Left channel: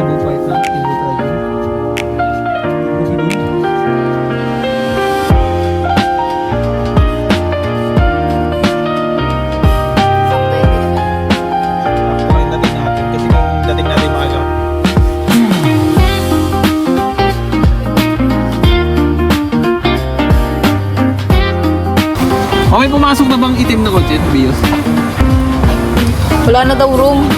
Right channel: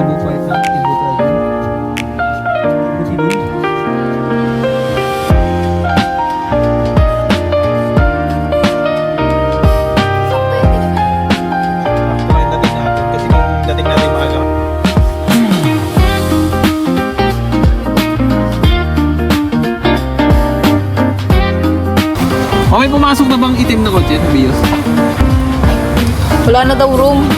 Tibo pa ito. Tibo talaga. Tibo. Sakto yung dating natin. Kasi kung dating natin maaga. May pumasok na bang itim na kotse, Bios? Wala na daw room.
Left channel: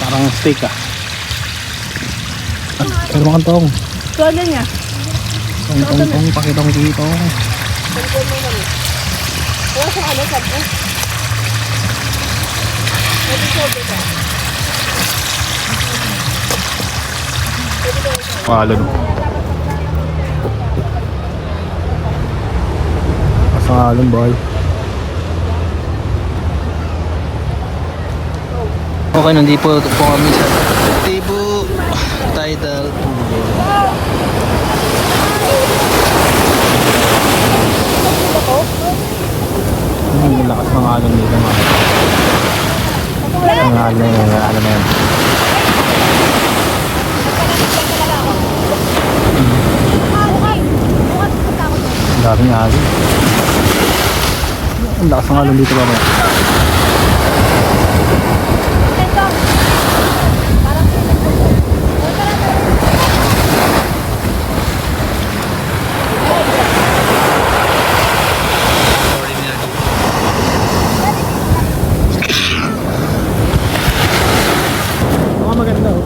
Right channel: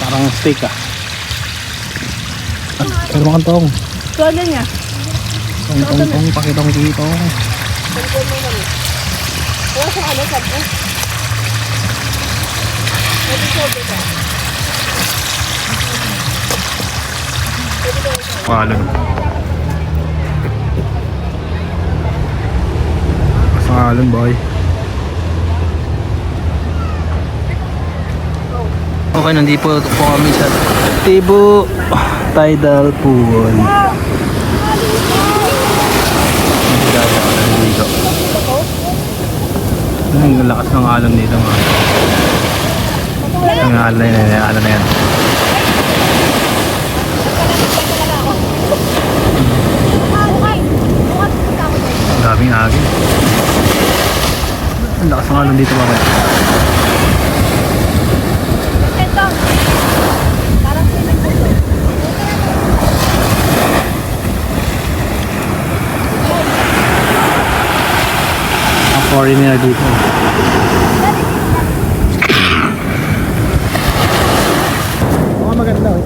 Parang steak ah. Pero makang tong. Kaya niya. Tong, pakita ko dito. Wala sa ano, sabi. Alon. Pasang alon boy. Okay, nandito po kami sa Tibo Tidal Pool. Ang lakas ng alon dito mga. Ang alon na yan. Ang daming agin. Ang lakas ng alon dito babaya. Niya dito. Oh, maganda oh.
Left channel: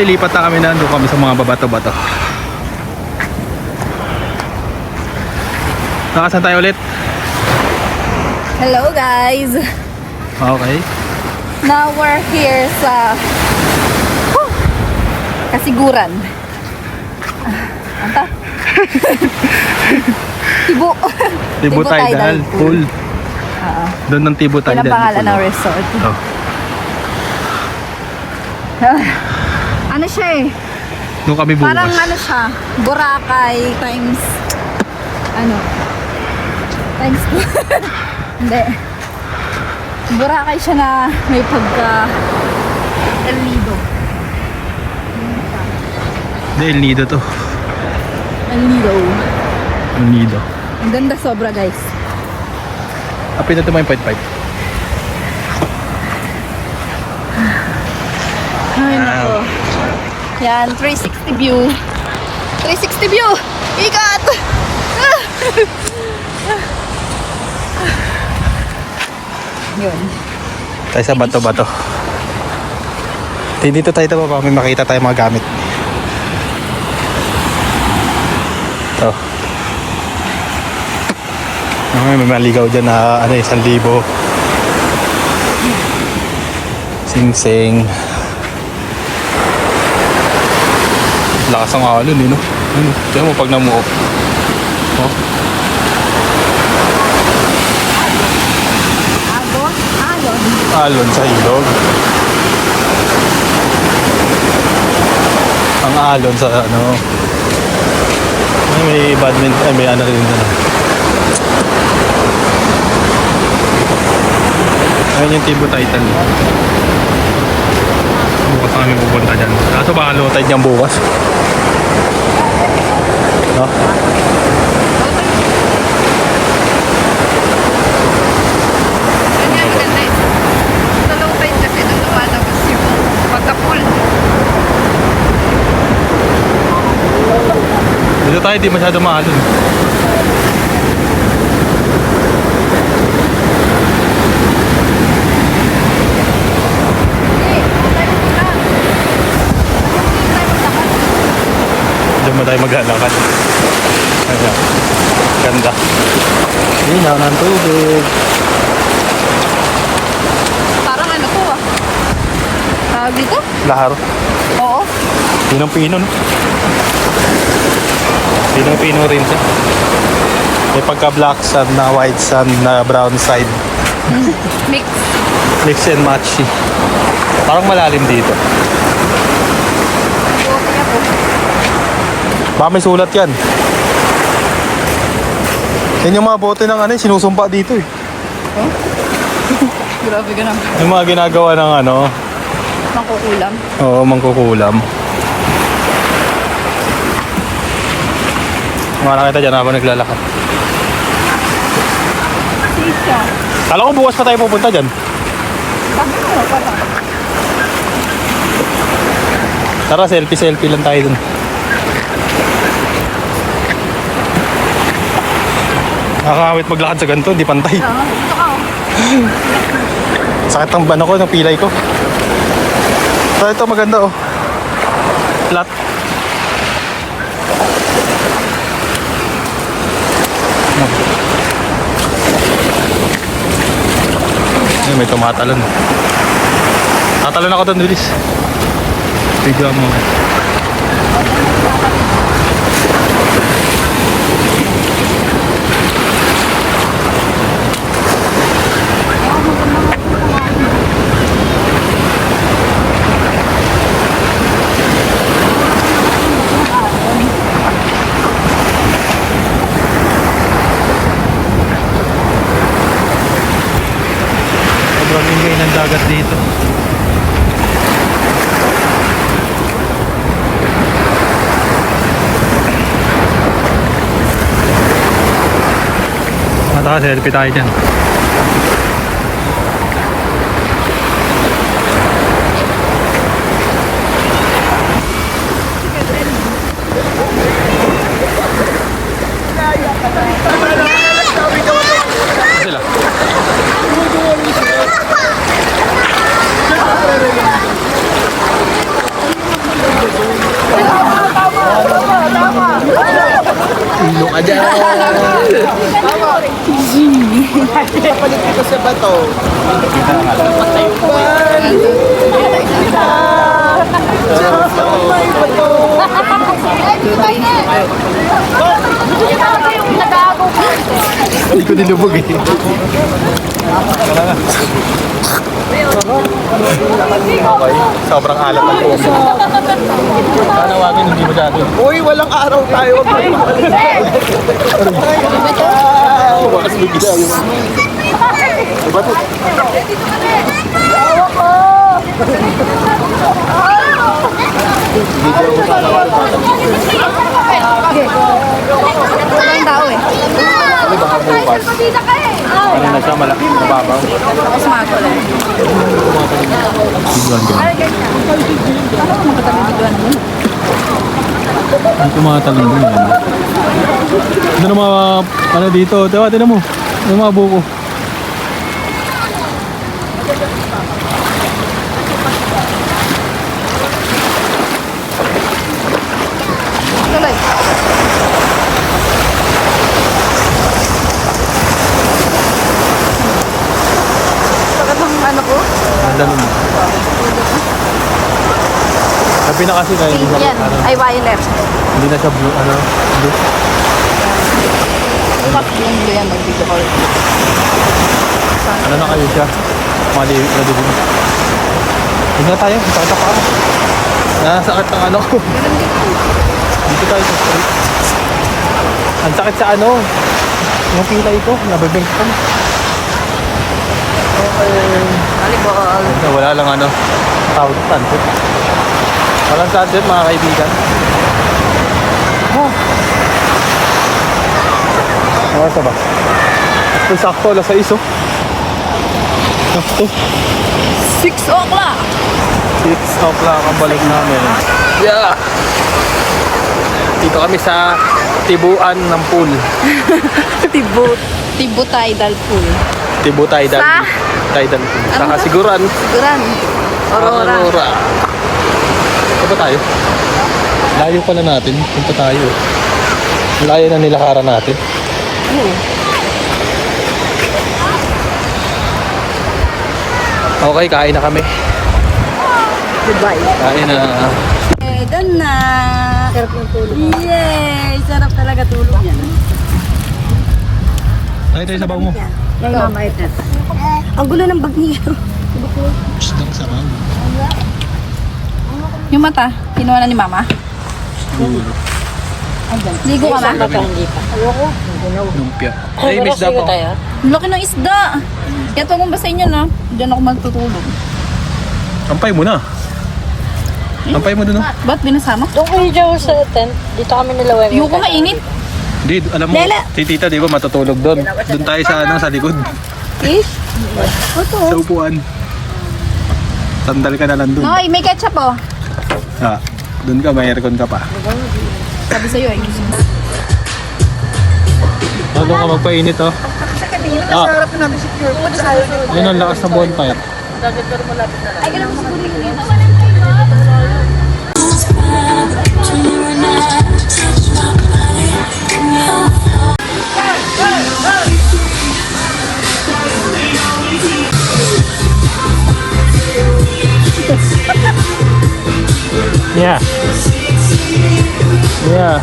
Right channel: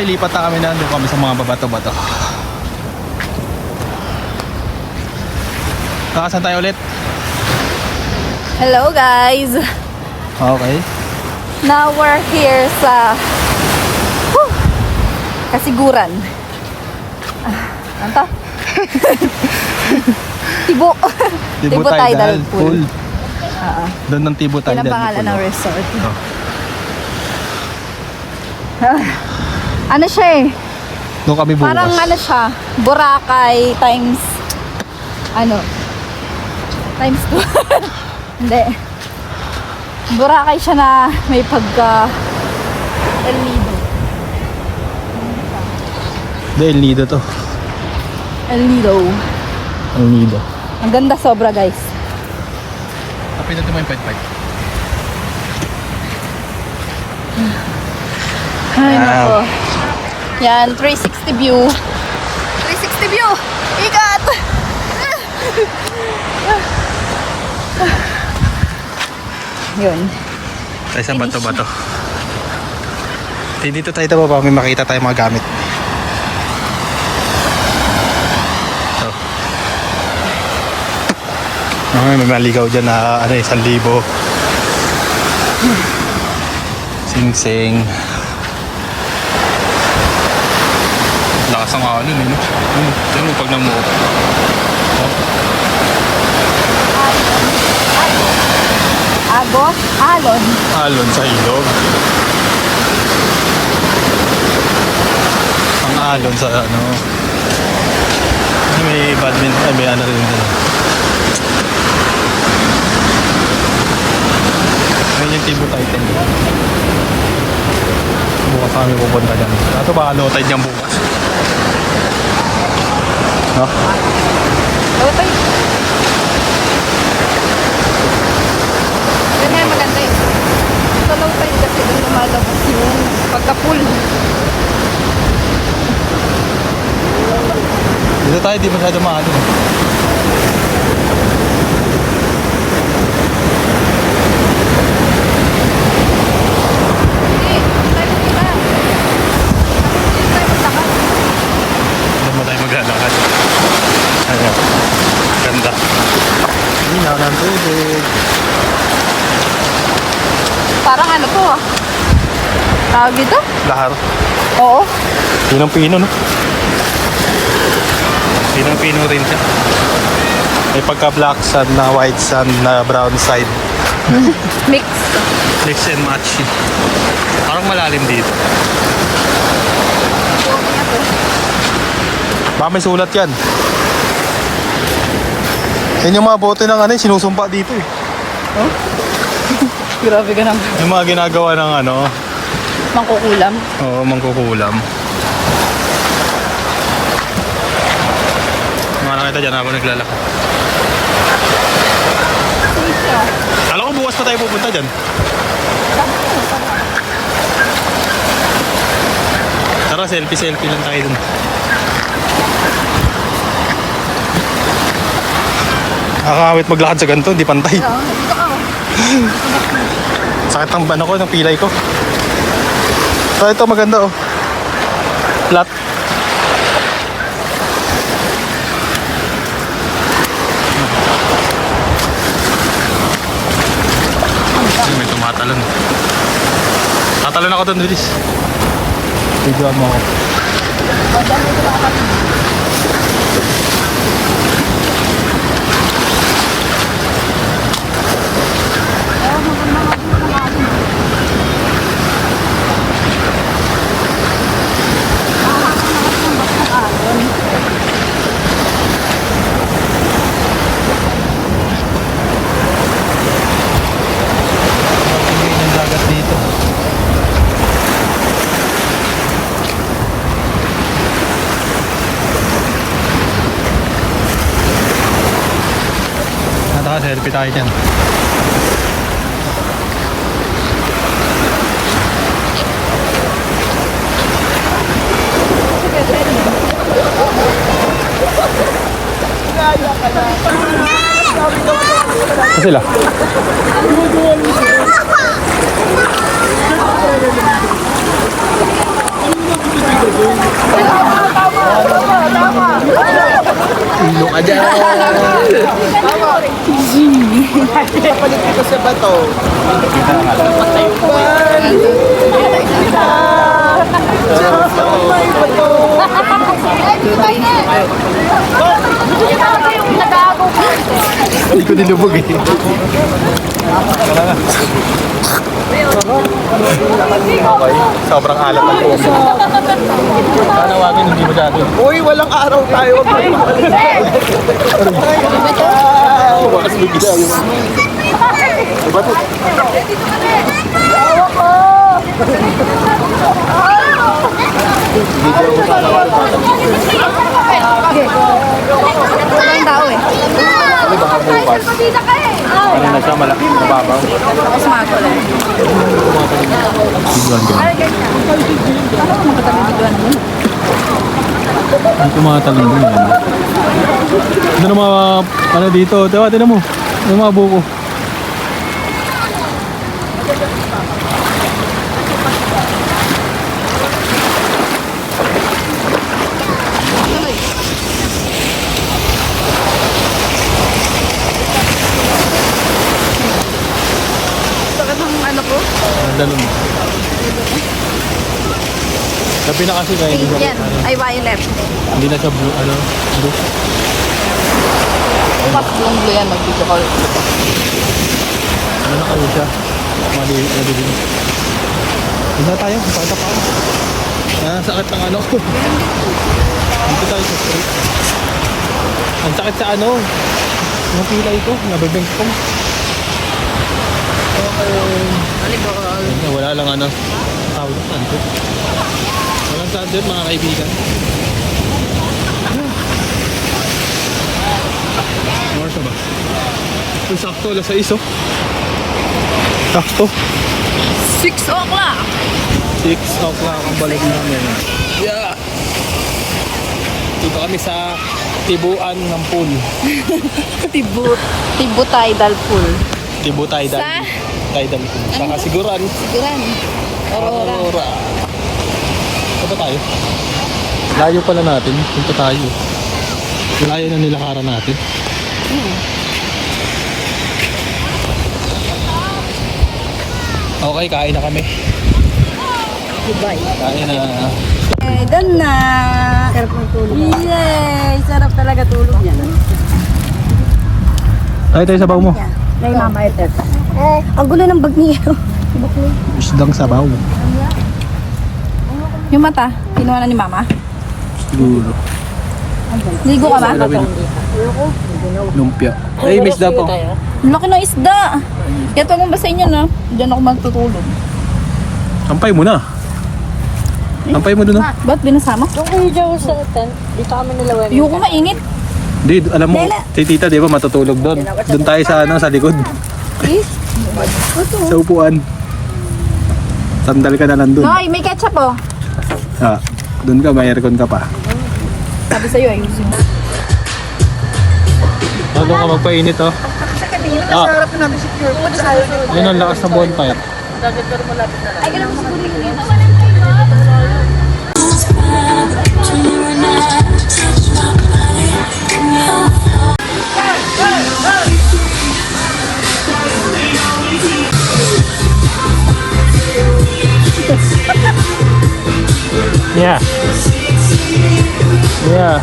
ay lipat na kami na. Doon kami sa mga babato-bato. Nakasan tayo ulit? Hello guys! Okay. Now we're here sa Kasiguran. Anta? Tibo Tidal Pool. Oo. Doon ng Tibo Tidal Yan ang pangalan Pool. ng resort. Ito. Ano siya eh? Doon kami bukas. Parang ano siya, Boracay times times 2. Hindi. Boracay siya na may pagka El Nido. Hindi, El Nido to. El Nido. El Nido. Ang ganda sobra guys. Kapit na ito may point 5. Ay nako. Yan, 360 view. 360 view! Ikat! Yun. Tayo sa bato-bato. Dito tayo ito pa may makita tayo mga gamit. Ito. May maligaw dyan na 1,000. Sing-sing. Lakas ang alon eh, no? Ayun, no? Tiyan mo pag namuo. Oh. Agos? Alon? Alon sa ilog. Ang alon sa ano. Ay, may badminton. Ay, may ano rin doon. Ayun yung Tibo Tidal. Bukas kami pupunta dyan. Kaso baka low tide niyang bukas. No? Dito tayo, di masyado mahalon. Diyan mo tayo maglalakad. Ayan. Ganda. Linaw ng tubig. Parang ano to? Tawag dito? Lahar. Oo. Pinang-pino, no? Pinang-pino rin siya. May pagka black sand na white sand na brown side. Mix. Mix and match. Parang malalim dito. Buti ako. Baka may sulat yan. Yan yung mga bote ng ano, sinusumpa dito eh. Grabe ka naman. Yung mga ginagawa ng ano, Makukulam. oo, mangkukulam. Mga nakita dyan habang naglalakad. Safe siya. Kala ko bukas pa tayo pupunta dyan. Bakit mo? Parang. Tara, selfie lang tayo dun. Nakakawit maglakad sa ganito, hindi pantay. Sakit ang bano ko, ng pilay ko. So ito maganda oh. Flat. Ay, may tumatalon. Tatalon ako doon, bilis. Video mo ako. Grabe ngayon ang dagat dito. Naka-selfie tayo dyan. Sila. Ayan! Papalit ko sa bato. May bato. Hindi ko nilubog eh. Okay. Sobrang alat ang puso. Panawagin, hindi masyado. Uy, walang araw tayo. Wag mo bumalik. Bakas may ginagawa. Bato. Walang tao eh. Ano baka bukas? Ano na siya? Mababaw. Tapos magulo. Biguan ka. Parang magkatabi-biguan mo. Ang tumatalon din yan. Ano na mga, ano dito? Diba, tinan mo. Ano mga buko? Bakit ang ano ko? Nandalon. Sabi na kasi kaya hindi siya, Yan. ano, Ay, violet. hindi na siya blue, ano, blue. Ano na kayo siya? Mali din. Huwag na tayo, pakita pa ako. Nasakit ng ano ko. Dito tayo sa street. Ang sakit sa ano, yung pilay ko, nabibink ko. Okay. Wala lang ano, tawag ng sunset. Walang sunset mga kaibigan. Ano ba? Ito sakto, alas 6 oh. Sakto. 6 o'clock. 6 o'clock ang balik namin. Yeah! Dito kami sa tibuan ng pool. Tibo tidal pool. Tibu Tidal. Sa? Tidal pool. Sa Ano ba? Kasiguran. Siguran. Aurora. Aurora. Saan ba tayo? Layo pala natin. Punta tayo. Layo na nilakaran natin. Okay, kain na kami. Goodbye. Kain na. Okay, done na. Sarap yung tulog. Yay! Sarap talaga tulog yan. Tayo tayo sabaw mo. May mama ito. Ang gulo ng bag niya. Isdang sabaw. Yung mata, kinuha na ni mama. Siguro. Ligo ka ba? Lumpia. Ay, miss daw po. Ang laki ng isda. Ito akong basahin niya na. Diyan ako magtutulog. Ampay mo na. Ampay mo dun oh. Ba't binasama? Doon kayo dyan sa tent. Dito kami nilaway. Ayoko mainit. Hindi, alam mo, si tita di ba matutulog doon. Doon tayo sa ano, sa likod. Sa upuan. Sandal ka na lang doon. Hoy, may ketchup oh. Ah, doon ka, may aircon ka pa. Sabi sa'yo, ayusin mo. Bago ka magpainit oh. Ah, Harap na natin si Pure. yun ang lakas ng bonfire. Ay, ganun mo siguro yun. Yeah. Yeah.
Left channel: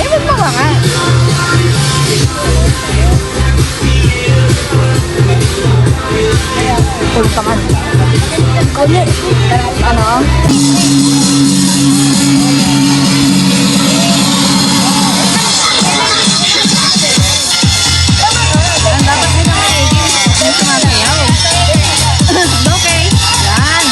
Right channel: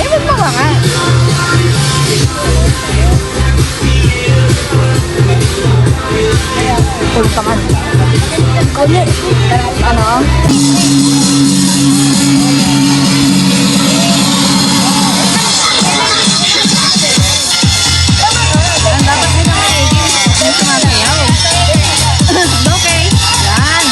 Eh, wag mo nga. Full pa man. Ano? Ang dapat din naman eh. Hindi sumasayaw. Okay. Yan.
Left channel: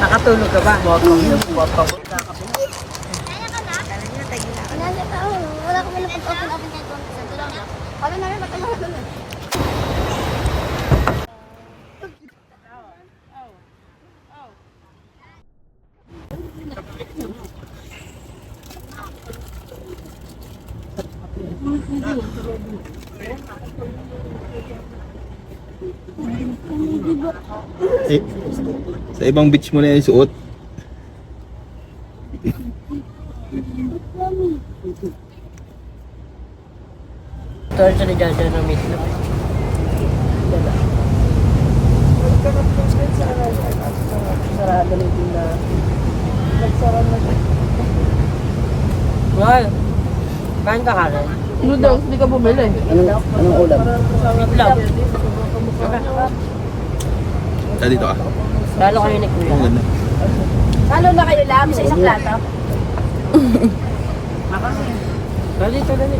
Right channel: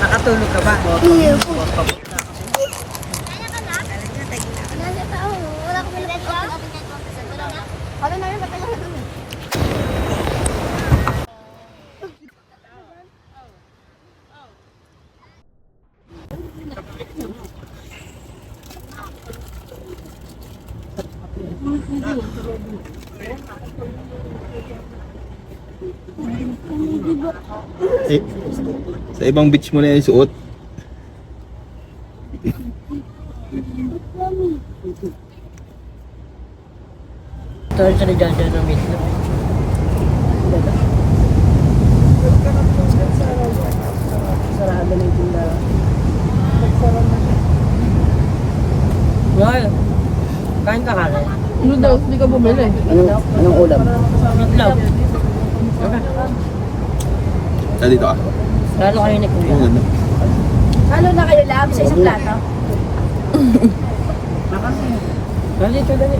Nakatulog ka ba? Eh, sa ibang beach mo na yung suot. Torch na dyan dyan ng medyo. Sarado na yung tindahan. Wala. Kain ka halos. Noodles, di ka bumili. Anong ulam? Itlog. Sa dito ah. Lalo kami na Ang ganda. Lalo na kayo lang sa isang plato. Dito, dali.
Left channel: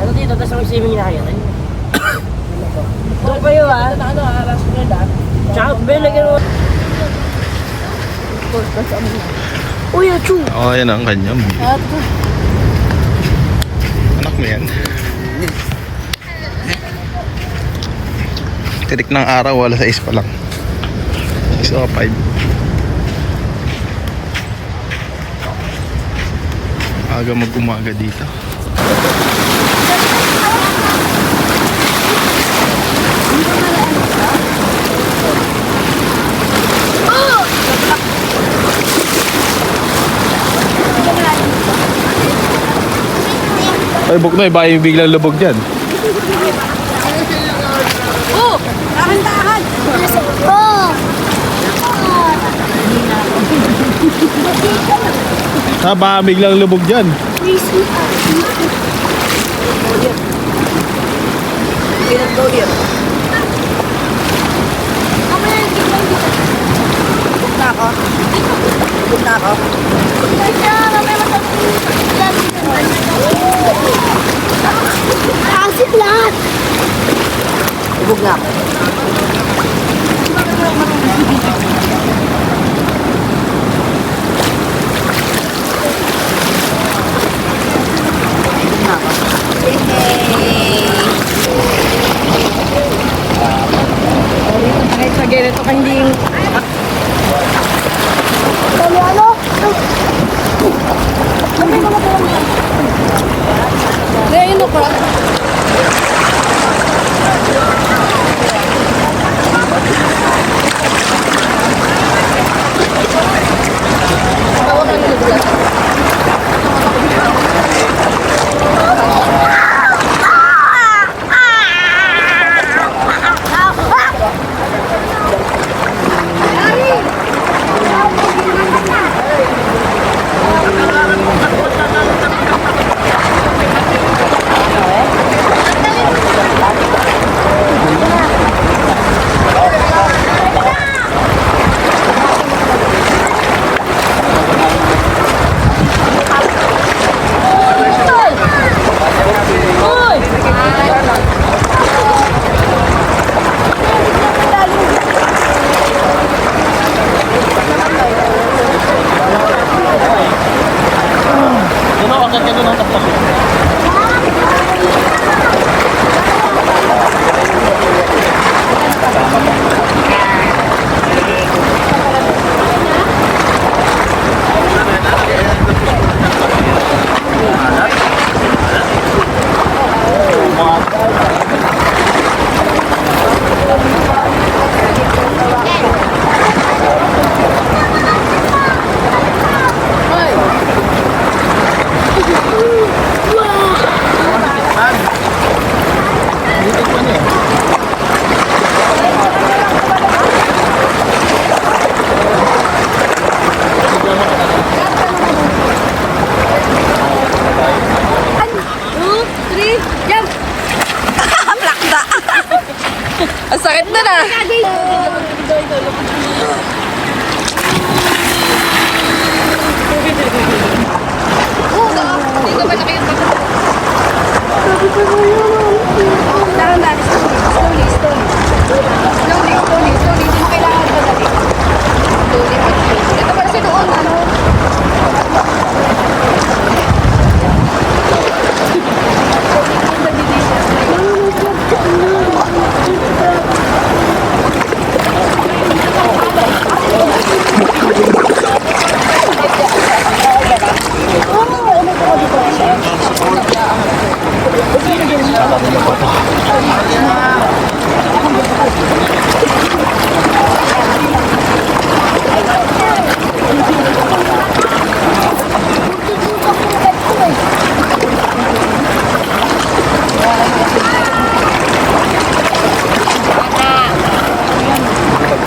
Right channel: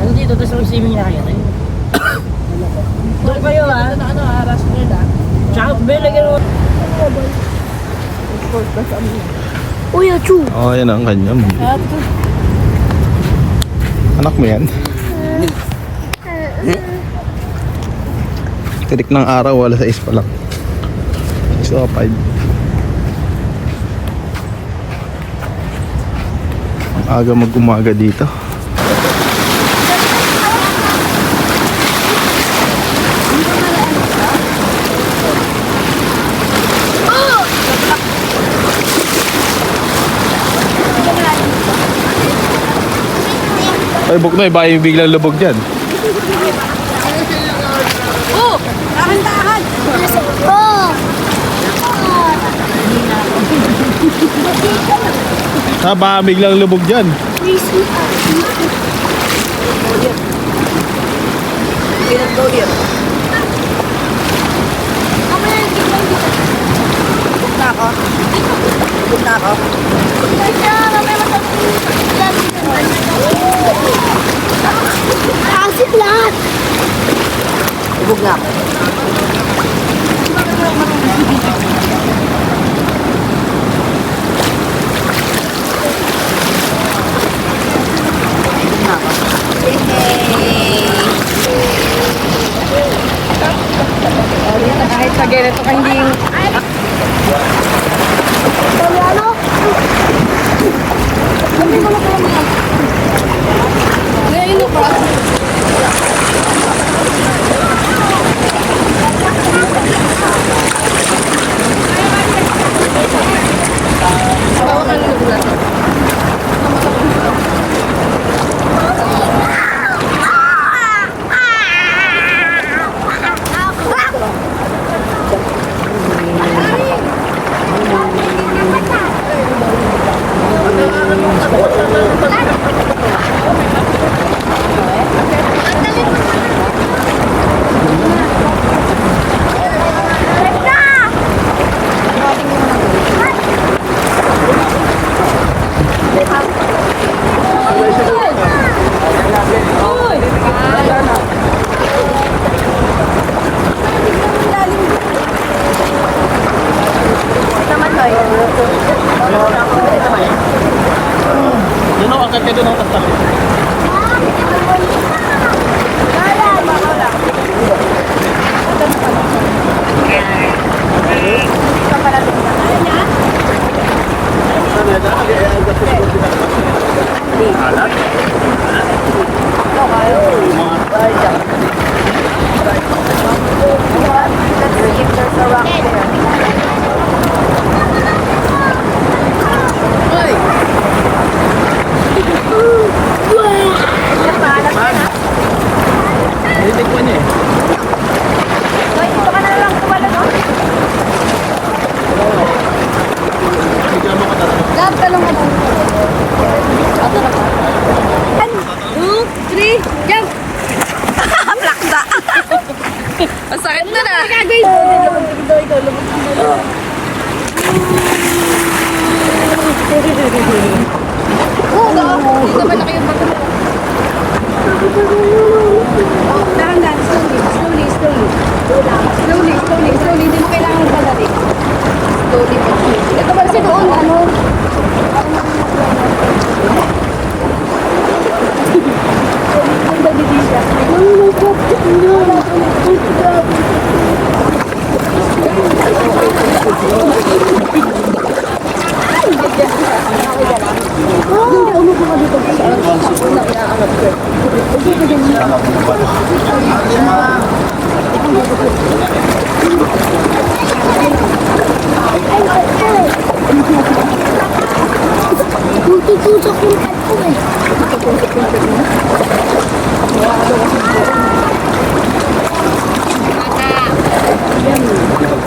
Ano dito, tapos mag-swimming na kayo? Doon kayo ah. Tsaka, lagyan mo. Uy, achu! Oh, yan ang kanya. Anak mo yan? Tirik ng araw, wala sa 6 pa lang. 6 o 5. Aga mag-umaga dito. Ay, Buknoy, baka yung biglang lubog dyan. Oh! Dahan-dahan! Baka biglang lubog dyan. Go here. Buk na ako. Buk na ako. Asit lahat. Buk na ako. Kahit sa ganito ka hindi yung... Ngayon o crop? Bawa ka na nagulat. Yan o, akit ka doon o. Tapos. Ang sakit na na. Dahan-dahan, slowly. Slowly. Hindi mo kailangan pagdating. Slowly. Ito kasi doon, ano?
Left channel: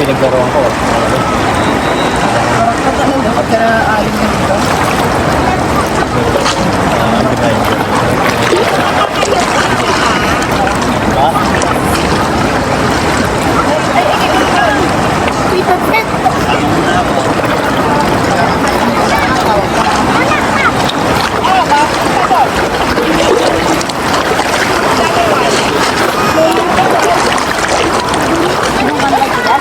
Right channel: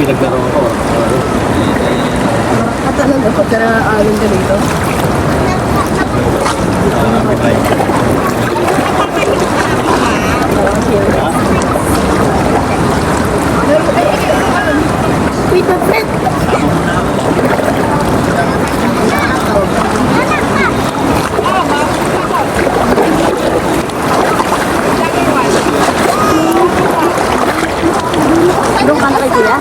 nagkaroon ko. Talaga pagka aling ka dito. Pita Fred! Doon ka na kay kuya?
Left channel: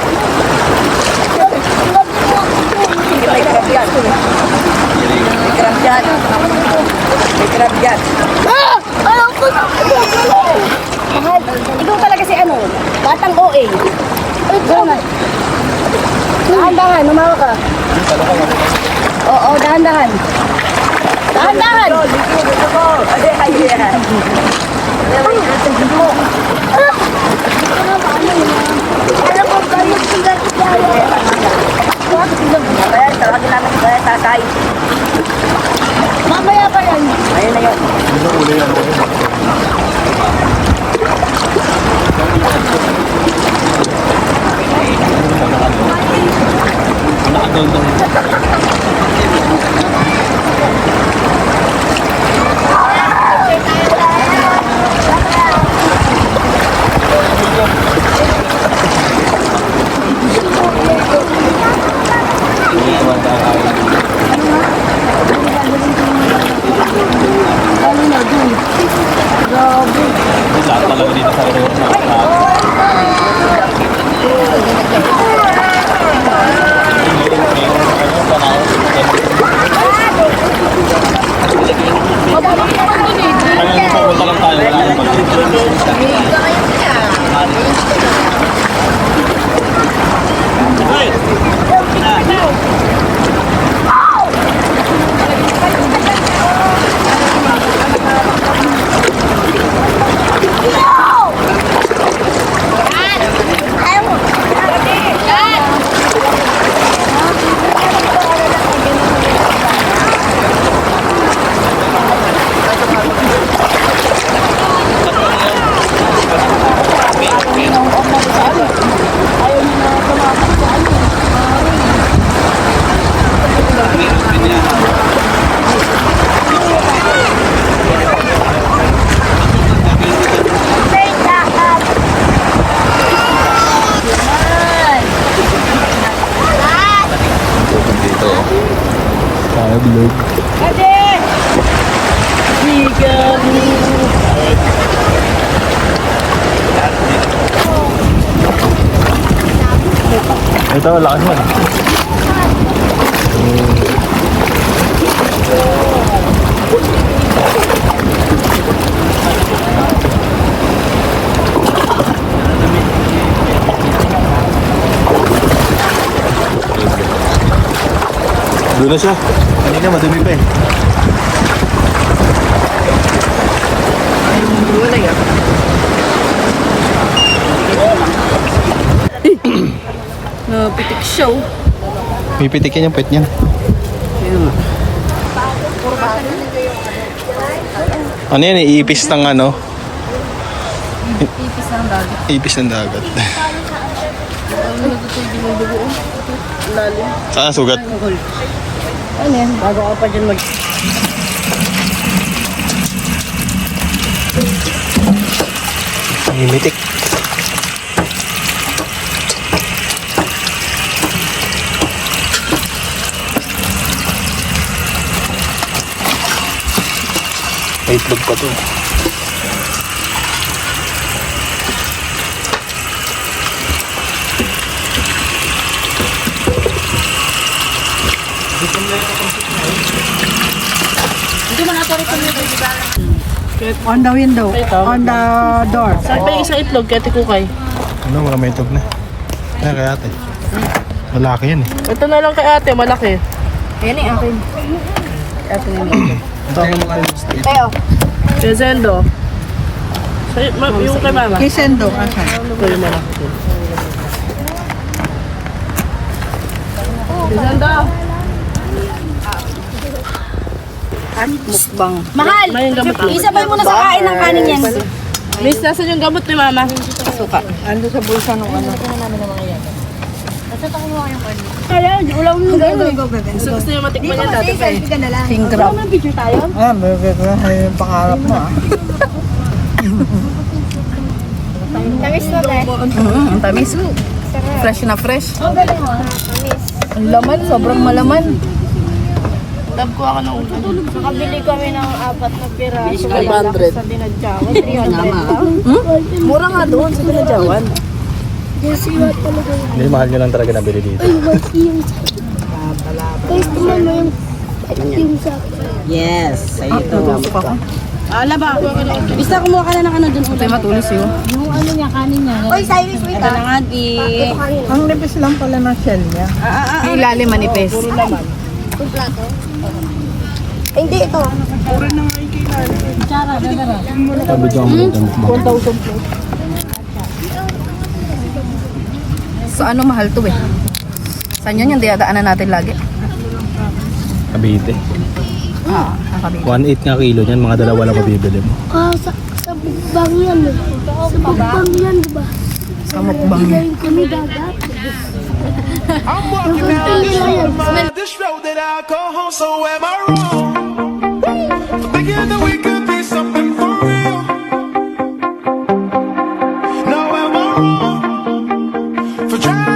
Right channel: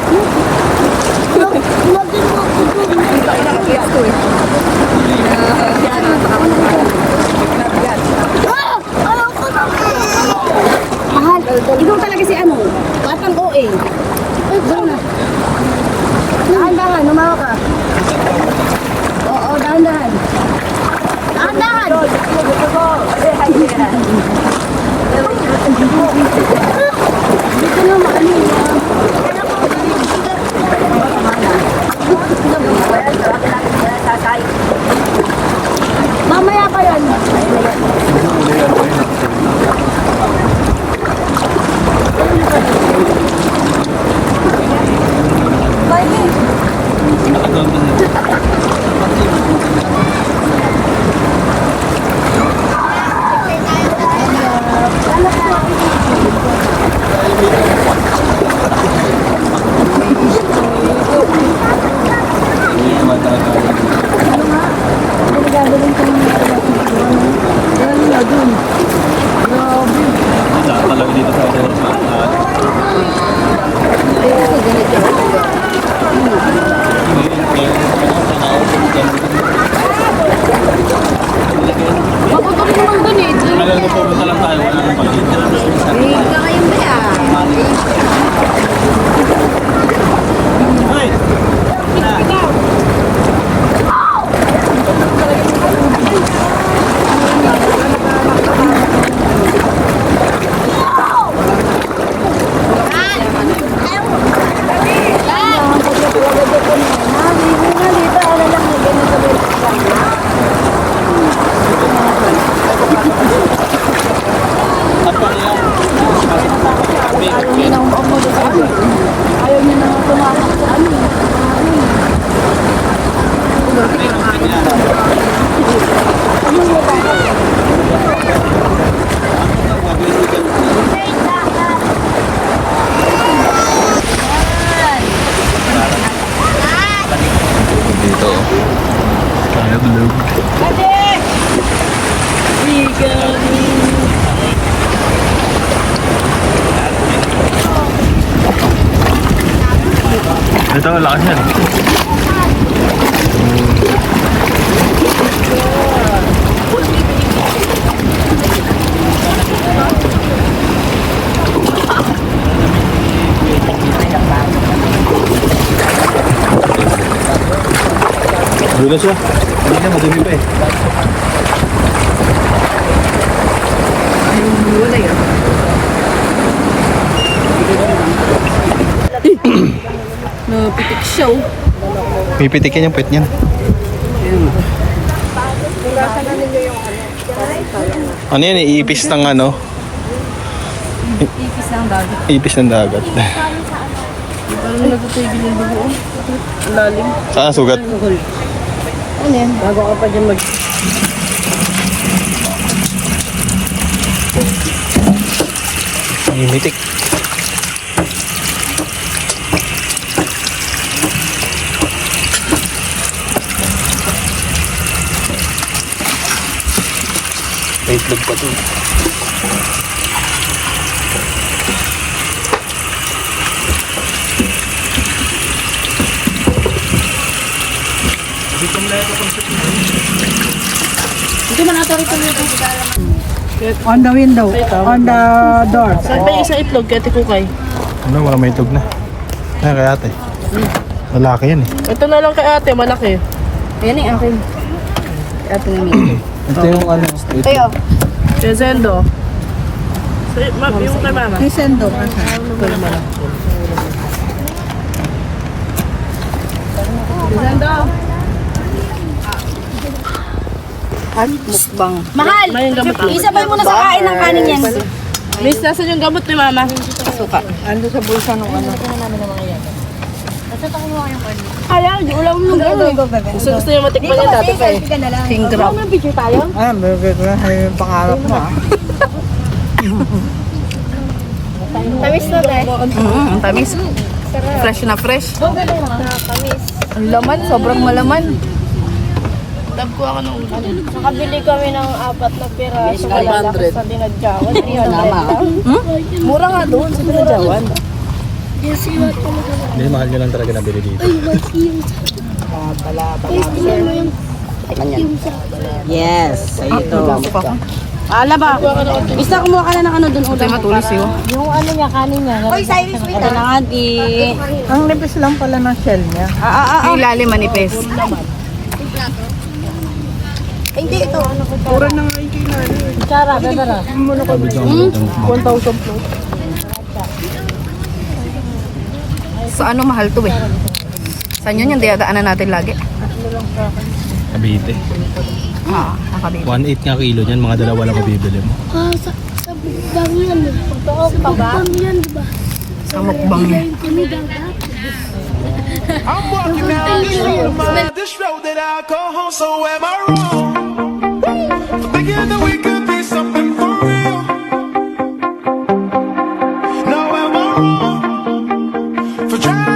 Dito ay nakakaya ito eh. Grabe. Mahal, ikaw talaga si ano? Batang OA. Goma. Dahan-dahan, lumawa ka. Oo, dahan-dahan. Dahan-dahan! Dito na ano mamaya pa rin. Nakagaw doon. Galing na dun. Grabe. Lahat talaga dito sa Aurora. Kami naman dun eh. Ano yung pupunta lang tayo? Wala nang pag Ayaw niya na tumakot sa ano. Tukod dito. Kaya blue. Ito, lakas yan. Doon na siya. Kanina madumi pa eh. Wala yun. Napitik siya oh. Pipitikin yung puwet niyan. Ano yan? Iipis ng ano? Ipis ng dagat. Ipis ng dagat. Ano nagtutubig ng dugo oh. Lalim. Saan sugat? Ano yan? Bago ka pa dyan mag... Imitik. May itlog pa to. On the window. On the door. Saan ba yung isa itlog, Kati Kukay? Ano, wala may itlog na. Ay, kaya ate. Malaki yan eh. Ito na lang kay ate, malaki. Ayan yung akin. Ito yung ito. Ito yung ano, straight. Kayo. Kay Zendo. Yung kay mama. Lisendo. Zendo. Mukbang. Mahal! May yung gamot. Isabay mo na sa kain ng kanin yan. Miss, nasan yung gamot ni mama? Suka. Ando sa bulsa nung ano. Basta pa kumuha yung kanya. Kaya, ulam nung gano'n. Gusto niyo matikman yan dati pa eh. Selfie ka na lang. King crab. Ano, picture tayo? Ah, may pangarap mo ah. Tamis na tayo. Ang tamis. Fresh na fresh. Tamis. Ang laman, sobrang malaman. Love ko ako ng ulam. Nakabili kami ng 4 na piraso. 500. Sa dinadyawan. 300 lang. Mura nga doon sa Pinajawan. Hindi, mahal nyo lang talaga nabili dito. Yes, sa'yo ito. Ala ba? Isa kumuha ka na ng ano doon. Ito matulis yun. Yung ano niya, kanin niya. Oy, Cyrus, wait Ito na nga di. Ang nipis lang pala ng shell niya. Ang ilalim manipis. Hindi, ito. Tsara, dadara. Sabi dyan ang maganda mukbang. 1,000 plus. Sa ano mahal to eh? Saan yun yung dinadaanan natin lagi? Cavite. Nakabili. 1.8 nga kilo niyan, mga dalawa lang mabibili mo. Sa bukbang yan eh. Sa bukbang yan, diba? Sa mukbang niya. Galing kami dagat. I'm walking down this road that I call home, so am I wrong? For thinking that we could be something for real. No, am I wrong? For trying